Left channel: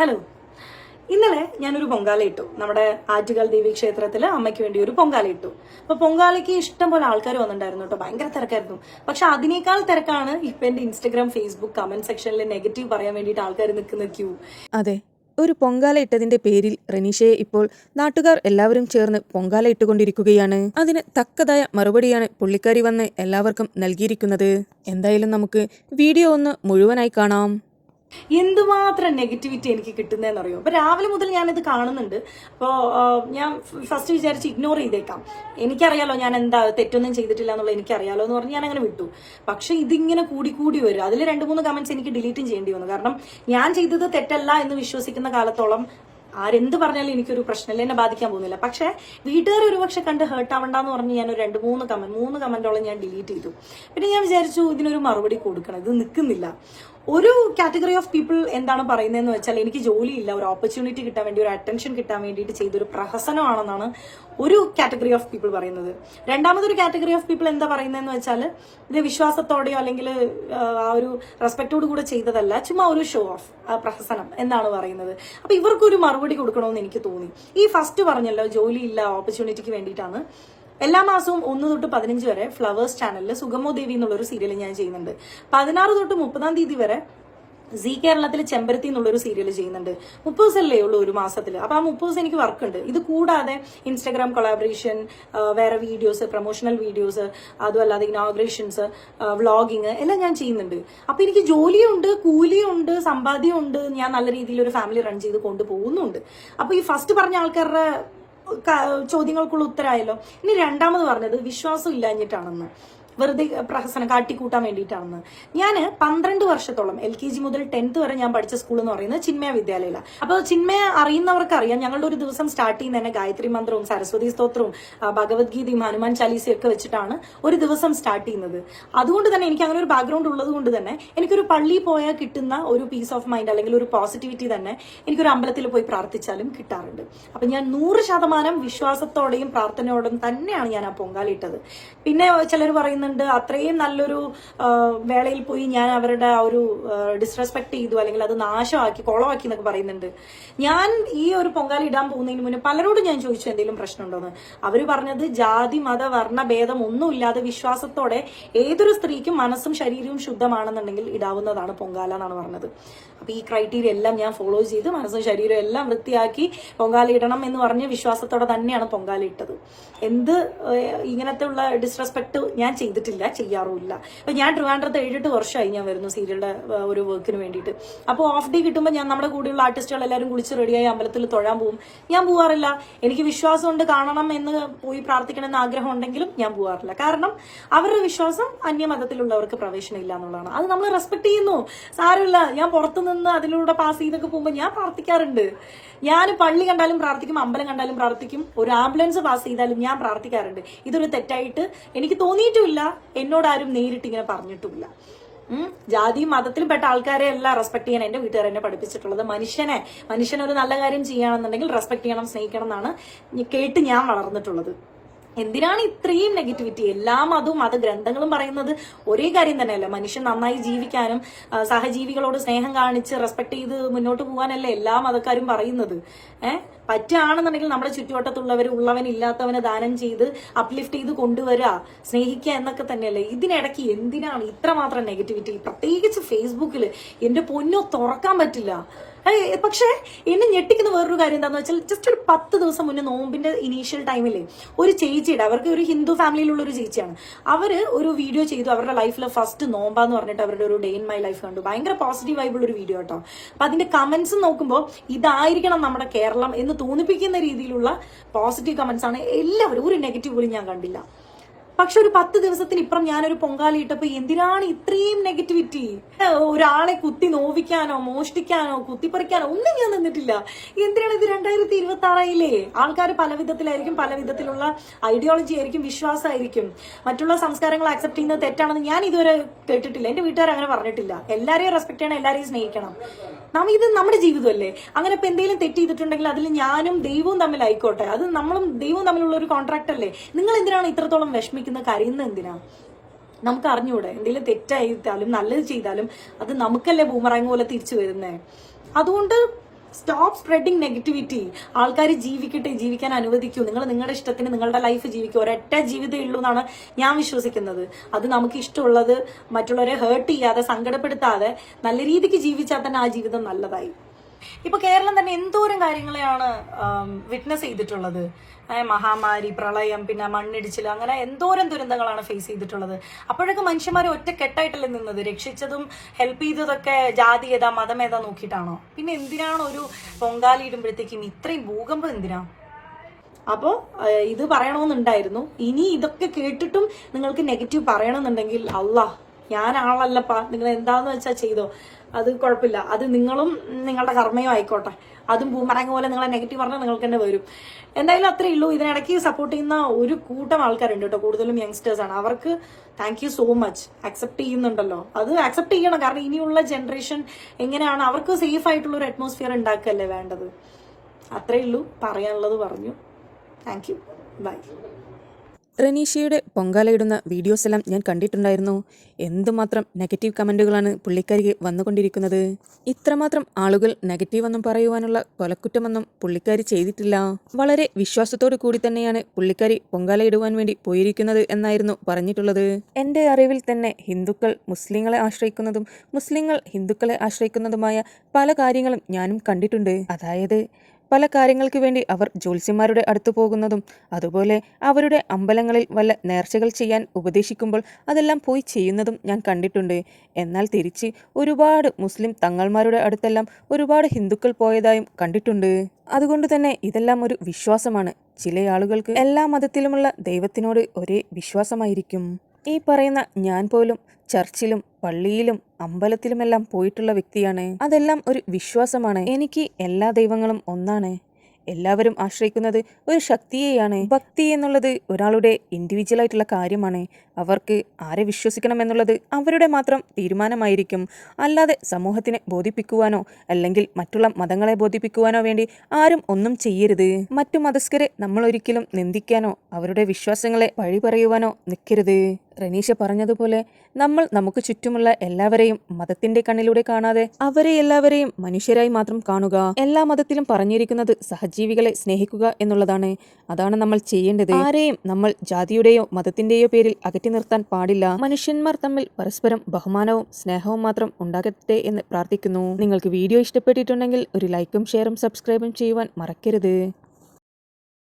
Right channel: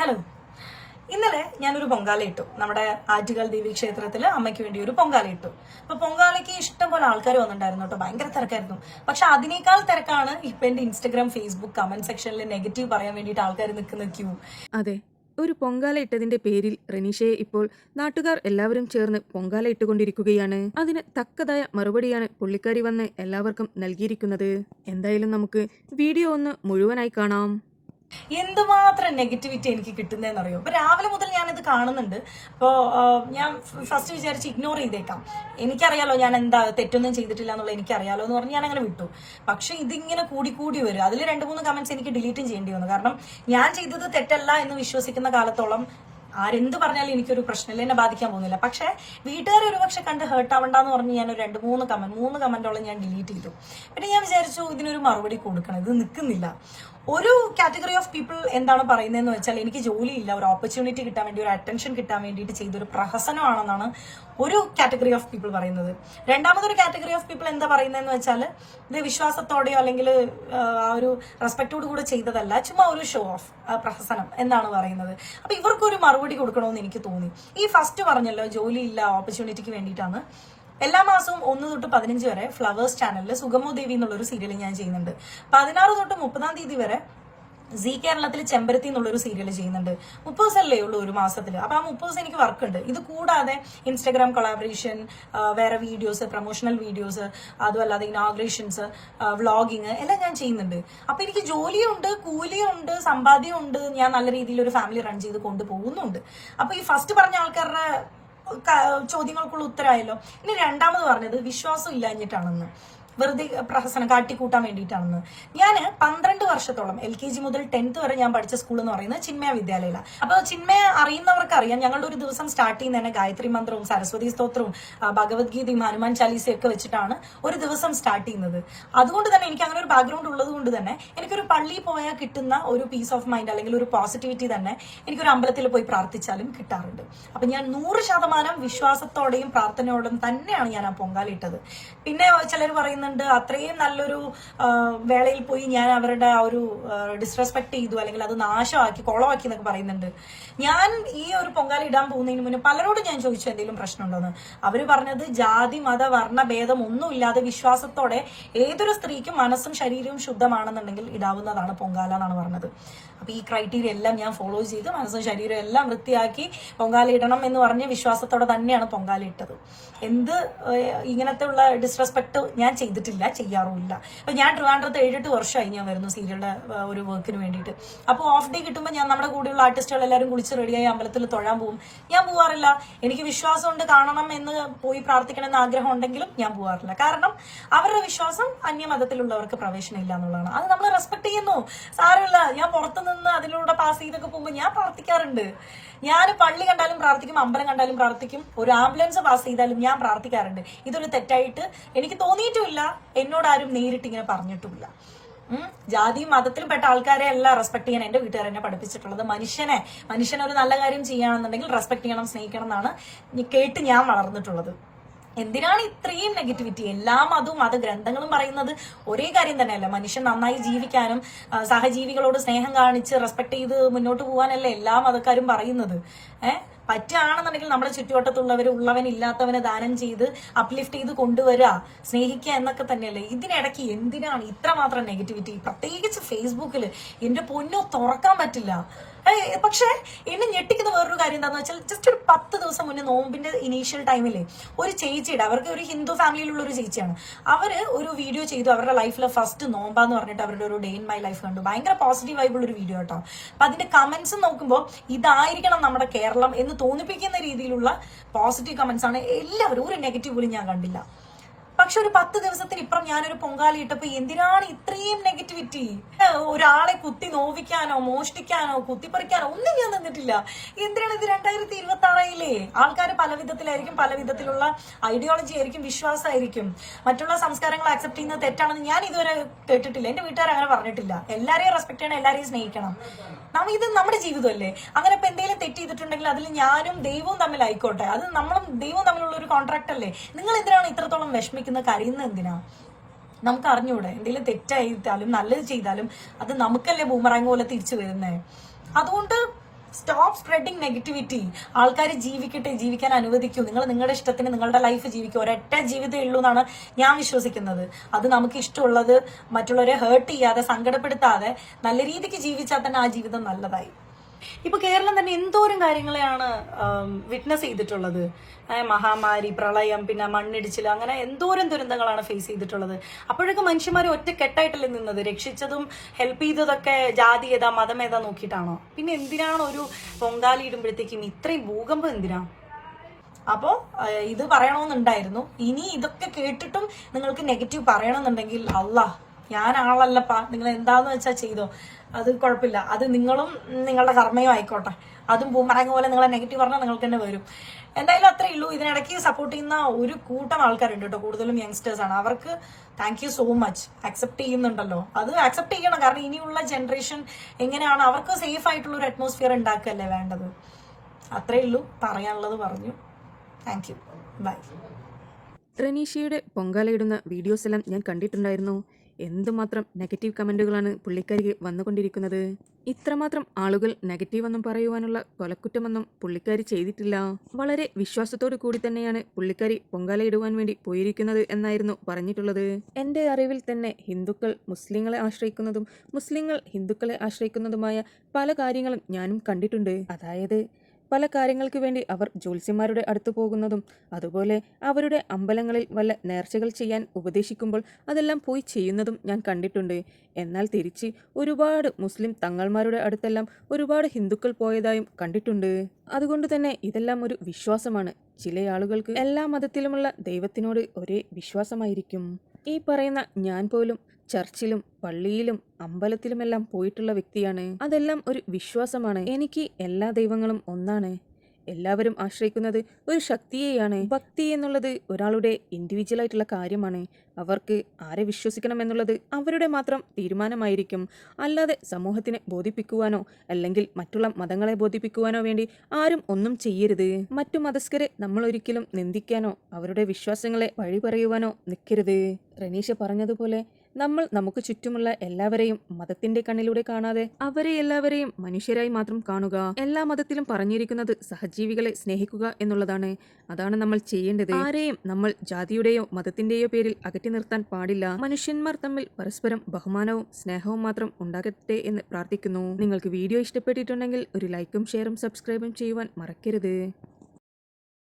Hello, ഇന്നലെ ഞാനൊരു പൊങ്കാല ഇട്ടു. നമ്മുടെ ആറ്റുകാൽ ദേവി ക്ഷേത്രത്തില് അമ്മയ്ക്ക് വേണ്ടി ഒരു പൊങ്കാല ഇട്ടു. അപ്പൊ പൊങ്കാലയ്ക്ക് ഇഷ്ടം പോലെ ആൾക്കാർ വന്നിട്ടുണ്ടായിരുന്നു കേട്ടോ. ഭയങ്കര തിരക്കായിരുന്നു. പക്ഷെ അതിനേക്കാൾ തിരക്കാണ് ഇപ്പൊ എന്റെ ഇൻസ്റ്റഗ്രാം, ഫേസ്ബുക്ക് കമന്റ് സെക്ഷനിൽ നെഗറ്റീവ് പറയാൻ വേണ്ടിയിട്ട് ആൾക്കാർ നിൽക്കുന്ന ക്യൂ. അതെ, ഒരു പൊങ്കാല ഇട്ടതിന്റെ പേരിൽ റെനീഷയെ ഇപ്പോൾ നാട്ടുകാർ എല്ലാവരും ചേർന്ന് പൊങ്കാല ഇട്ടുകൊണ്ടിരിക്കുകയാണ്. അതിന് തക്കതായ മറുപടിയാണ് പുള്ളിക്കാരി വന്ന് എല്ലാവർക്കും നൽകിയിരിക്കുന്നത്. എന്തായാലും നമുക്ക് വീഡിയോ ഒന്ന് മുഴുവനായി കാണാം. എന്തുമാത്രം നെഗറ്റിവിറ്റി എനിക്ക് കിട്ടുന്നതെന്നറിയോ? അപ്പൊ രാവിലെ മുതൽ ഞാനിത് കാണുന്നുണ്ട്. അപ്പോ ഞാൻ ഫസ്റ്റ് വിചാരിച്ച് ഇഗ്നോർ ചെയ്തേക്കാം. എനിക്കറിയാലോ ഞാൻ എന്താ തെറ്റൊന്നും ചെയ്തിട്ടില്ല എന്നുള്ളത് എനിക്കറിയാലോ എന്ന് പറഞ്ഞ് ഞാൻ അങ്ങനെ വിട്ടു. പക്ഷെ ഇതിങ്ങനെ കൂടി വരും. അതിൽ 2-3 കമന്റ്സ് എനിക്ക് ഡിലീറ്റും ചെയ്യേണ്ടി വന്നു. കാരണം ഞാൻ ചെയ്തത് തെറ്റല്ല എന്ന് വിശ്വസിക്കുന്ന കാലത്തോളം ആരെന്ത് പറഞ്ഞാലും എനിക്കൊരു പ്രശ്നമില്ല, എന്നെ ബാധിക്കാൻ പോകുന്നില്ല. പക്ഷെ വീട്ടുകാർ ഒരുപക്ഷെ കണ്ട് ഹേർട്ട് ആവണ്ടെന്ന് പറഞ്ഞ് ഞാൻ ഒരു 2-3 കമന്റോളം ഞാൻ ഡിലീറ്റ് ചെയ്തു. പിന്നെ ഞാൻ വിചാരിച്ചു ഇതിനൊരു മറുപടി കൊടുക്കണം, ഇത് നിൽക്കുന്നില്ല. ഒരു കാറ്റഗറി ഓഫ് പീപ്പിൾ എന്താണ് പറയുന്നതെന്ന് വെച്ചാൽ, എനിക്ക് ജോലിയില്ല, ഒരു ഓപ്പർച്യൂണിറ്റി കിട്ടാൻ വേണ്ടി, ഒരു അറ്റൻഷൻ കിട്ടാൻ വേണ്ടിയിട്ട് ചെയ്തൊരു പ്രഹസനമാണെന്നാണ് ഒരു കാറ്റഗറി ഓഫ് പീപ്പിൾ പറയുന്നത്. രണ്ടാമതൊരു കാറ്റഗറി ഓഫ് പീപ്പിൾ എന്താ പറയുന്നതെന്ന് വെച്ചാൽ, ഇത് വിശ്വാസത്തോടെയോ അല്ലെങ്കിൽ ആ ഒരു റെസ്പെക്റ്റോട് കൂടെ ചെയ്തതല്ല, ചുമ്മാ ഒരു ഷോ ഓഫ് പ്രഹസനം എന്നാണ് പറയുന്നത്. അപ്പൊ ഇവർക്കൊരു മറുപടി കൊടുക്കണമെന്ന് എനിക്ക് തോന്നി. ഈ ഫസ്റ്റ് പറഞ്ഞല്ലോ ജോലിയില്ല, ഓപ്പർച്യൂണിറ്റിക്ക് വേണ്ടിയിട്ടാണ്. എല്ലാ മാസവും 1 തൊട്ട് 15 വരെ ഫ്ലവേഴ്സ് ചാനലിൽ സുഗമോ ദേവി എന്നുള്ളൊരു സീരിയൽ ഞാൻ ചെയ്യുന്നുണ്ട്. 16 തൊട്ട് 30-ാം തീയതി വരെ സി കേരളത്തിൽ ചെമ്പരത്തി എന്നുള്ളൊരു സീരിയൽ ചെയ്യുന്നുണ്ട്. 30 ദിവസമല്ലേ ഉള്ളൂ ഒരു മാസത്തിൽ. അപ്പൊ ആ 30 ദിവസം എനിക്ക് വർക്ക് ഉണ്ട്. ഇത് കൂടാതെ ഇൻസ്റ്റാഗ്രാം കൊളാബറേഷൻ, വേറെ വീഡിയോസ്, പ്രൊമോഷണൽ വീഡിയോസ്, അതുമല്ലാതെ ഇനോഗ്രേഷൻസ്, വ്ളോഗിങ് എല്ലാം ഞാൻ ചെയ്യുന്നുണ്ട്. അപ്പൊ എനിക്ക് ജോലിയുണ്ട്, കൂലിയുണ്ട്, സമ്പാദ്യമുണ്ട്, ഞാൻ നല്ല രീതിയിൽ ഒരു ഫാമിലി റൺ ചെയ്ത് കൊണ്ടുപോകുന്നുണ്ട്. അപ്പൊ ഈ ഫസ്റ്റ് പറഞ്ഞ ആൾക്കാരുടെ ചോദ്യങ്ങൾക്കുള്ള ഉത്തരമായല്ലോ. ഇനി രണ്ടാമത് പറഞ്ഞത് വിശ്വാസം ഇല്ലാഞ്ഞിട്ടാണെന്ന്, വെറുതെ പ്രഹസനം കാട്ടിക്കൂട്ടാൻ വേണ്ടിയിട്ടാണെന്ന്. ഞാൻ 12 വർഷത്തോളം LKG മുതൽ 10th വരെ ഞാൻ പഠിച്ച സ്കൂൾ എന്ന് പറയുന്നത് ചിന്മയ വിദ്യാലയയിലാണ്. അപ്പൊ ചിന്മയ അറിയുന്നവർക്ക് അറിയാം, ഞങ്ങളുടെ ഒരു ദിവസം സ്റ്റാർട്ട് ചെയ്യുന്ന തന്നെ ഗായത്രി മന്ത്രവും സരസ്വതി സ്തോത്രവും ഭഗവത്ഗീതയും ഹനുമാൻ ചാലീസയും ഒക്കെ വെച്ചിട്ടാണ് ഒരു ദിവസം സ്റ്റാർട്ട് ചെയ്യുന്നത്. അതുകൊണ്ട് തന്നെ എനിക്ക് അങ്ങനെ ഒരു ബാക്ക്ഗ്രൗണ്ട് ഉള്ളത് കൊണ്ട് തന്നെ എനിക്കൊരു പള്ളിയിൽ പോയാൽ കിട്ടുന്ന ഒരു പീസ് ഓഫ് മൈൻഡ് അല്ലെങ്കിൽ ഒരു പോസിറ്റിവിറ്റി തന്നെ എനിക്കൊരു അമ്പലത്തിൽ പോയി പ്രാർത്ഥിച്ചാലും കിട്ടാറുണ്ട്. അപ്പൊ ഞാൻ 100% വിശ്വാസത്തോടെയും പ്രാർത്ഥനയോടും തന്നെയാണ് ഞാൻ ആ പൊങ്കാലിട്ടത്. പിന്നെ ചിലർ പറയുന്നത് അത്രയും നല്ലൊരു വേളയിൽ പോയി ഞാൻ അവരുടെ ആ ഒരു ഡിസ്റെസ്പെക്ട് ചെയ്തു അല്ലെങ്കിൽ അത് നാശമാക്കി കുളമാക്കി എന്നൊക്കെ പറയുന്നുണ്ട്. ഞാൻ ഈ ഒരു പൊങ്കാല ഇടാൻ പോകുന്നതിന് മുന്നേ പലരോടും ഞാൻ ചോദിച്ചു എന്തെങ്കിലും പ്രശ്നമുണ്ടോന്ന്. അവര് പറഞ്ഞത് ജാതി മത വർണ്ണ ഭേദം ഒന്നുമില്ലാതെ വിശ്വാസത്തോടെ ഏതൊരു സ്ത്രീക്കും മനസ്സും ശരീരവും ശുദ്ധമാണെന്നുണ്ടെങ്കിൽ ഇടാവുന്നതാണ് പൊങ്കാല എന്നാണ് പറഞ്ഞത്. അപ്പൊ ഈ ക്രൈറ്റീരിയ എല്ലാം ഞാൻ ഫോളോ ചെയ്ത് മനസ്സും ശരീരവും എല്ലാം വൃത്തിയാക്കി പൊങ്കാല ഇടണം എന്ന് പറഞ്ഞ് വിശ്വാസത്തോടെ തന്നെയാണ് പൊങ്കാല ഇട്ടത്. എന്ത് ഇങ്ങനത്തെ ഉള്ള ഡിസ്റെസ്പെക്ട് ഞാൻ ചെയ്തിട്ടില്ല, ചെയ്യാറുമില്ല. അപ്പൊ ഞാൻ ട്രിവാൻഡ്രത്ത് 7-8 വർഷമായി ഞാൻ വരുന്നു സീരിയലിന്റെ ഒരു വർക്കിന് വേണ്ടിയിട്ട്. അപ്പോൾ ഓഫ് ഡേ കിട്ടുമ്പോൾ ഞാൻ നമ്മുടെ കൂടെയുള്ള ആർട്ടിസ്റ്റുകൾ എല്ലാവരും കുളിച്ച് റെഡിയായി അമ്പലത്തിൽ തൊഴാൻ പോകും. ഞാൻ പോവാറില്ല. എനിക്ക് വിശ്വാസമുണ്ട്, കാണണം എന്ന് പോയി പ്രാർത്ഥിക്കണം എന്ന് ആഗ്രഹം ഉണ്ടെങ്കിലും ഞാൻ പോവാറില്ല. കാരണം അവരുടെ വിശ്വാസം അന്യമതത്തിലുള്ളവർക്ക് പ്രവേശനം ഇല്ല എന്നുള്ളതാണ്. അത് നമ്മൾ റെസ്പെക്ട് ചെയ്യുന്നു, സാരമില്ല. ഞാൻ പുറത്തുനിന്ന് അതിലൂടെ പാസ് ചെയ്തൊക്കെ പോകുമ്പോൾ ഞാൻ പ്രാർത്ഥിക്കാറുണ്ട്. ഞാൻ പള്ളി കണ്ടാലും പ്രാർത്ഥിക്കും, അമ്പലം കണ്ടാലും പ്രാർത്ഥിക്കും, ഒരു ആംബുലൻസ് പാസ് ചെയ്താലും ഞാൻ പ്രാർത്ഥിക്കാറുണ്ട്. ഇതൊരു തെറ്റായിട്ട് എനിക്ക് തോന്നിയിട്ടുമില്ല, എന്നോട് ആരും നേരിട്ട് ഇങ്ങനെ പറഞ്ഞിട്ടുമില്ല. ജാതിയും മതത്തിലും പെട്ട ആൾക്കാരെ എല്ലാം റെസ്പെക്ട് ചെയ്യാൻ എന്റെ വീട്ടുകാർ എന്നെ പഠിപ്പിച്ചിട്ടുള്ളത്. മനുഷ്യനൊരു നല്ല കാര്യം ചെയ്യുകയാണെന്നുണ്ടെങ്കിൽ റെസ്പെക്ട് ചെയ്യണം, സ്നേഹിക്കണം എന്നാണ് കേട്ട് ഞാൻ വളർന്നിട്ടുള്ളത്. എന്തിനാണ് ഇത്രയും നെഗറ്റിവിറ്റി? എല്ലാ മതവും മതഗ്രന്ഥങ്ങളും പറയുന്നത് ഒരേ കാര്യം തന്നെയല്ല, മനുഷ്യൻ നന്നായി ജീവിക്കാനും സഹജീവികളോട് സ്നേഹം കാണിച്ച് റെസ്പെക്ട് ചെയ്ത് മുന്നോട്ട് പോകാനല്ലേ എല്ലാ മതക്കാരും പറയുന്നത്. പറ്റുകയാണെന്നുണ്ടെങ്കിൽ നമ്മുടെ ചുറ്റുവട്ടത്തുള്ളവർ ഉള്ളവനില്ലാത്തവനെ ദാനം ചെയ്ത് അപ്ലിഫ്റ്റ് ചെയ്ത് കൊണ്ടുവരിക, സ്നേഹിക്കുക എന്നൊക്കെ തന്നെയല്ലേ. ഇതിനിടയ്ക്ക് എന്തിനാണ് ഇത്രമാത്രം നെഗറ്റിവിറ്റി? പ്രത്യേകിച്ച് ഫേസ്ബുക്കിൽ എന്റെ പൊന്നോ തുറക്കാൻ പറ്റില്ല. പക്ഷെ എന്നെ ഞെട്ടിക്കുന്ന വേറൊരു കാര്യം എന്താന്ന് വെച്ചാൽ, ജസ്റ്റ് ഒരു 10 ദിവസം മുന്നേ നോമ്പിന്റെ ഇനീഷ്യൽ ടൈമിലെ ഒരു ചേച്ചിയുടെ, അവർക്ക് ഒരു ഹിന്ദു ഫാമിലിയിലുള്ള ഒരു ചേച്ചിയാണ്, അവര് ഒരു വീഡിയോ ചെയ്തു. അവരുടെ ലൈഫിലെ ഫസ്റ്റ് നോമ്പാന്ന് പറഞ്ഞിട്ട് അവരുടെ ഒരു ഡേ ഇൻ മൈ ലൈഫ് കണ്ടു. ഭയങ്കര പോസിറ്റീവ് ആയിട്ടുള്ള ഒരു വീഡിയോ കേട്ടോ. അപ്പൊ അതിന്റെ കമന്റ്സ് നോക്കുമ്പോൾ ഇതായിരിക്കണം നമ്മുടെ കേരളം എന്ന് തോന്നിപ്പിക്കുന്ന രീതിയിലുള്ള പോസിറ്റീവ് കമന്റ്സ് ആണ് എല്ലാവരും. ഒരു നെഗറ്റീവ് പോലും ഞാൻ കണ്ടില്ല. പക്ഷെ ഒരു 10 ദിവസത്തിന് ഇപ്പുറം ഞാനൊരു പൊങ്കാല ഇട്ടപ്പോ എന്തിനാണ് ഇത്രയും നെഗറ്റിവിറ്റി? ഒരാളെ കുത്തി നോവിക്കാനോ മോഷ്ടിക്കാനോ കുത്തിപ്പറിക്കാനോ ഒന്നും ഞാൻ നിന്നിട്ടില്ല. എന്തിനാണ് ഇത്? 2026 ആൾക്കാർ പല വിധത്തിലായിരിക്കും, പല വിധത്തിലുള്ള ഐഡിയോളജി ആയിരിക്കും, വിശ്വാസമായിരിക്കും. മറ്റുള്ള സംസ്കാരങ്ങൾ അക്സെപ്റ്റ് ചെയ്യുന്നത് തെറ്റാണെന്ന് ഞാൻ ഇതുവരെ കേട്ടിട്ടില്ല. എന്റെ വീട്ടുകാർ അങ്ങനെ പറഞ്ഞിട്ടില്ല. എല്ലാരെയും റെസ്പെക്ട് ചെയ്യണം, എല്ലാരെയും സ്നേഹിക്കണം. ഇത് നമ്മുടെ ജീവിതമല്ലേ. അങ്ങനെ ഇപ്പൊ എന്തെങ്കിലും തെറ്റ് ചെയ്തിട്ടുണ്ടെങ്കിൽ അതിൽ ഞാനും ദൈവവും തമ്മിലായിക്കോട്ടെ, അത് നമ്മളും ദൈവവും തമ്മിലുള്ള ഒരു കോൺട്രാക്ട് അല്ലേ. നിങ്ങൾ എന്തിനാണ് ഇത്രത്തോളം വിഷമിക്കുന്ന, കരയുന്ന എന്തിനാ? നമുക്ക് അറിഞ്ഞൂടെ? എന്തെങ്കിലും തെറ്റായിട്ടാലും നല്ലത് ചെയ്താലും അത് നമുക്കല്ലേ ബൂമറാങ് പോലെ തിരിച്ചു വരുന്നേ. അതുകൊണ്ട് സ്റ്റോപ്പ് സ്പ്രെഡിങ് നെഗറ്റിവിറ്റി. ആൾക്കാർ ജീവിക്കട്ടെ, ജീവിക്കാൻ അനുവദിക്കൂ. നിങ്ങൾ നിങ്ങളുടെ ഇഷ്ടത്തിന് നിങ്ങളുടെ ലൈഫ് ജീവിക്കൂ. ഒരൊറ്റ ജീവിതമേ ഉള്ളൂ എന്നാണ് ഞാൻ വിശ്വസിക്കുന്നത്. അത് നമുക്ക് ഇഷ്ടമുള്ളത് മറ്റുള്ളവരെ ഹേർട്ട് ചെയ്യാതെ, സങ്കടപ്പെടുത്താതെ നല്ല രീതിക്ക് ജീവിച്ചാൽ തന്നെ ആ ജീവിതം നല്ലതായി. ഇപ്പൊ കേരളം തന്നെ എന്തോരം കാര്യങ്ങളെയാണ് വിറ്റ്നസ് ചെയ്തിട്ടുള്ളത്. മഹാമാരി, പ്രളയം, പിന്നെ മണ്ണിടിച്ചിൽ, അങ്ങനെ എന്തോരം ദുരന്തങ്ങളാണ് ഫേസ് ചെയ്തിട്ടുള്ളത്. അപ്പോഴൊക്കെ മനുഷ്യന്മാരെ ഒറ്റക്കെട്ടായിട്ടല്ലേ നിന്നത്? രക്ഷിച്ചതും ഹെൽപ്പ് ചെയ്തതൊക്കെ ജാതി ഏതാ മതം ഏതാ നോക്കിയിട്ടാണോ? പിന്നെ എന്തിനാണ് ഒരു പൊങ്കാലി ഇടുമ്പോഴത്തേക്കും ഇത്രയും ഭൂകമ്പം എന്തിനാ? അപ്പോ ഇത് പറയണമെന്നുണ്ടായിരുന്നു. ഇനി ഇതൊക്കെ കേട്ടിട്ടും നിങ്ങൾക്ക് നെഗറ്റീവ് പറയണമെന്നുണ്ടെങ്കിൽ ഞാൻ ആളല്ലപ്പാ, നിങ്ങൾ എന്താന്ന് വെച്ചാൽ ചെയ്തോ, അത് കുഴപ്പമില്ല. അത് നിങ്ങളും നിങ്ങളുടെ കർമ്മയും ആയിക്കോട്ടെ. അതും പൂമറങ്ങ പോലെ നിങ്ങളെ നെഗറ്റീവ് പറഞ്ഞാൽ നിങ്ങൾക്ക് തന്നെ വരും. എന്തായാലും അത്രേ ഉള്ളൂ. ഇതിനിടയ്ക്ക് സപ്പോർട്ട് ചെയ്യുന്ന ഒരു കൂട്ടം ആൾക്കാരുണ്ട് കേട്ടോ, കൂടുതലും യങ്സ്റ്റേഴ്സ് ആണ്. അവർക്ക് thank you so much. Accept ചെയ്യുന്നുണ്ടല്ലോ, അത് അക്സെപ്റ്റ് ചെയ്യണം. കാരണം ഇനിയുള്ള ജനറേഷൻ എങ്ങനെയാണ്, അവർക്ക് സേഫ് ആയിട്ടുള്ള ഒരു അറ്റ്മോസ്ഫിയർ ഉണ്ടാക്കുകയല്ലേ വേണ്ടത്. അത്രേ ഉള്ളൂ, പറയാനുള്ളത് പറഞ്ഞു. Thank you, bye. റനീഷയുടെ പൊങ്കാലയിടുന്ന വീഡിയോസ് എല്ലാം ഞാൻ കണ്ടിട്ടുണ്ടായിരുന്നു. എന്തുമാത്രം നെഗറ്റീവ് കമൻറ്റുകളാണ് പുള്ളിക്കാരിക്ക് വന്നുകൊണ്ടിരിക്കുന്നത്. ഇത്രമാത്രം ആളുകൾ നെഗറ്റീവെന്നും പറയുവാനുള്ള കൊലക്കുറ്റമൊന്നും പുള്ളിക്കാരി ചെയ്തിട്ടില്ല. വളരെ വിശ്വാസത്തോടു കൂടി തന്നെയാണ് പുള്ളിക്കാരി പൊങ്കാലയിടുവാൻ വേണ്ടി പോയിരിക്കുന്നത് എന്നായിരുന്നു പറഞ്ഞിട്ടുള്ളത്. എൻ്റെ അറിവിൽ തന്നെ ഹിന്ദുക്കൾ മുസ്ലിങ്ങളെ ആശ്രയിക്കുന്നതും മുസ്ലിങ്ങൾ ഹിന്ദുക്കളെ ആശ്രയിക്കുന്നതുമായ പല കാര്യങ്ങളും ഞാനും കണ്ടിട്ടുണ്ട്. അതായത് പല കാര്യങ്ങൾക്ക് വേണ്ടി അവർ ജ്യോത്സ്യന്മാരുടെ അടുത്ത് പോകുന്നതും, അതുപോലെ അവരുടെ അമ്പലങ്ങളിൽ വല്ല നേർച്ചകൾ ചെയ്യാൻ ഉപദേശിക്കുമ്പോൾ അതെല്ലാം പോയി ചെയ്യുന്നതും ഞാൻ കണ്ടിട്ടുണ്ട്. എന്നാൽ തിരിച്ച് ഒരുപാട് മുസ്ലിം തങ്ങൾമാരുടെ അടുത്തെല്ലാം ഒരുപാട് ഹിന്ദുക്കൾ പോയതായും കണ്ടിട്ടുണ്ട്. അതുകൊണ്ട് തന്നെ ഇതെല്ലാം ഒരു വിശ്വാസമാണ്. ചില ആളുകൾക്ക് എല്ലാ മതത്തിലുമുള്ള ദൈവത്തിനോട് ഒരേ വിശ്വാസമായിരിക്കും. ഈ പറയുന്ന ഞാൻ പോലും ചർച്ചിലും പള്ളിയിലും അമ്പലത്തിലുമെല്ലാം പോയിട്ടുള്ള വ്യക്തിയാണ്. അതെല്ലാം ഒരു വിശ്വാസമാണ്. എനിക്ക് എല്ലാ ദൈവങ്ങളും ഒന്നാണ്. എല്ലാവരും ആശ്രയിക്കുന്നത് ഒരു ശക്തിയെയാണ്. ഭക്തി എന്നുള്ളത് ഒരാളുടെ ഇൻഡിവിജ്വൽ ആയിട്ടുള്ള കാര്യമാണ്. അവർക്ക് ആരെ വിശ്വസിക്കണം എന്നുള്ളത് അവരുടെ മാത്രം തീരുമാനമായിരിക്കും. അല്ലാതെ സമൂഹത്തിനെ ബോധിപ്പിക്കുവാനോ അല്ലെങ്കിൽ മറ്റുള്ള മതങ്ങളെ ബോധിപ്പിക്കുവാനോ വേണ്ടി ആരും ഒന്നും ചെയ്യരുത്. മറ്റു മതസ്ഥരെ നമ്മൾ ഒരിക്കലും നിന്ദിക്കാനോ അവരുടെ വിശ്വാസങ്ങളെ വഴി പറയുവാനോ നിൽക്കരുത്. റനീഷ പറഞ്ഞതുപോലെ നമ്മൾ നമുക്ക് ചുറ്റുമുള്ള എല്ലാവരെയും മതത്തിന്റെ കണ്ണിലൂടെ കാണാതെ അവരെ എല്ലാവരെയും മനുഷ്യരായി മാത്രം കാണുക. എല്ലാ മതത്തിലും പറഞ്ഞിരിക്കുന്നത് സഹജീവികളെ സ്നേഹിക്കുക എന്നുള്ളതാണ്. അതാണ് നമ്മൾ ചെയ്യേണ്ടത്. ആരെയും നമ്മൾ ജാതിയുടെയോ മതത്തിന്റെയോ പേരിൽ അകറ്റി നിർത്താൻ പാടില്ല. മനുഷ്യന്മാർ തമ്മിൽ പരസ്പരം ബഹുമാനവും സ്നേഹവും മാത്രം ഉണ്ടാകട്ടെ എന്ന് പ്രാർത്ഥിക്കുന്നു. നിങ്ങൾക്ക് വീഡിയോ ഇഷ്ടപ്പെട്ടിട്ടുണ്ടെങ്കിൽ ഒരു ലൈക്കും ഷെയറും സബ്സ്ക്രൈബും ചെയ്യുവാൻ മറക്കരുത്.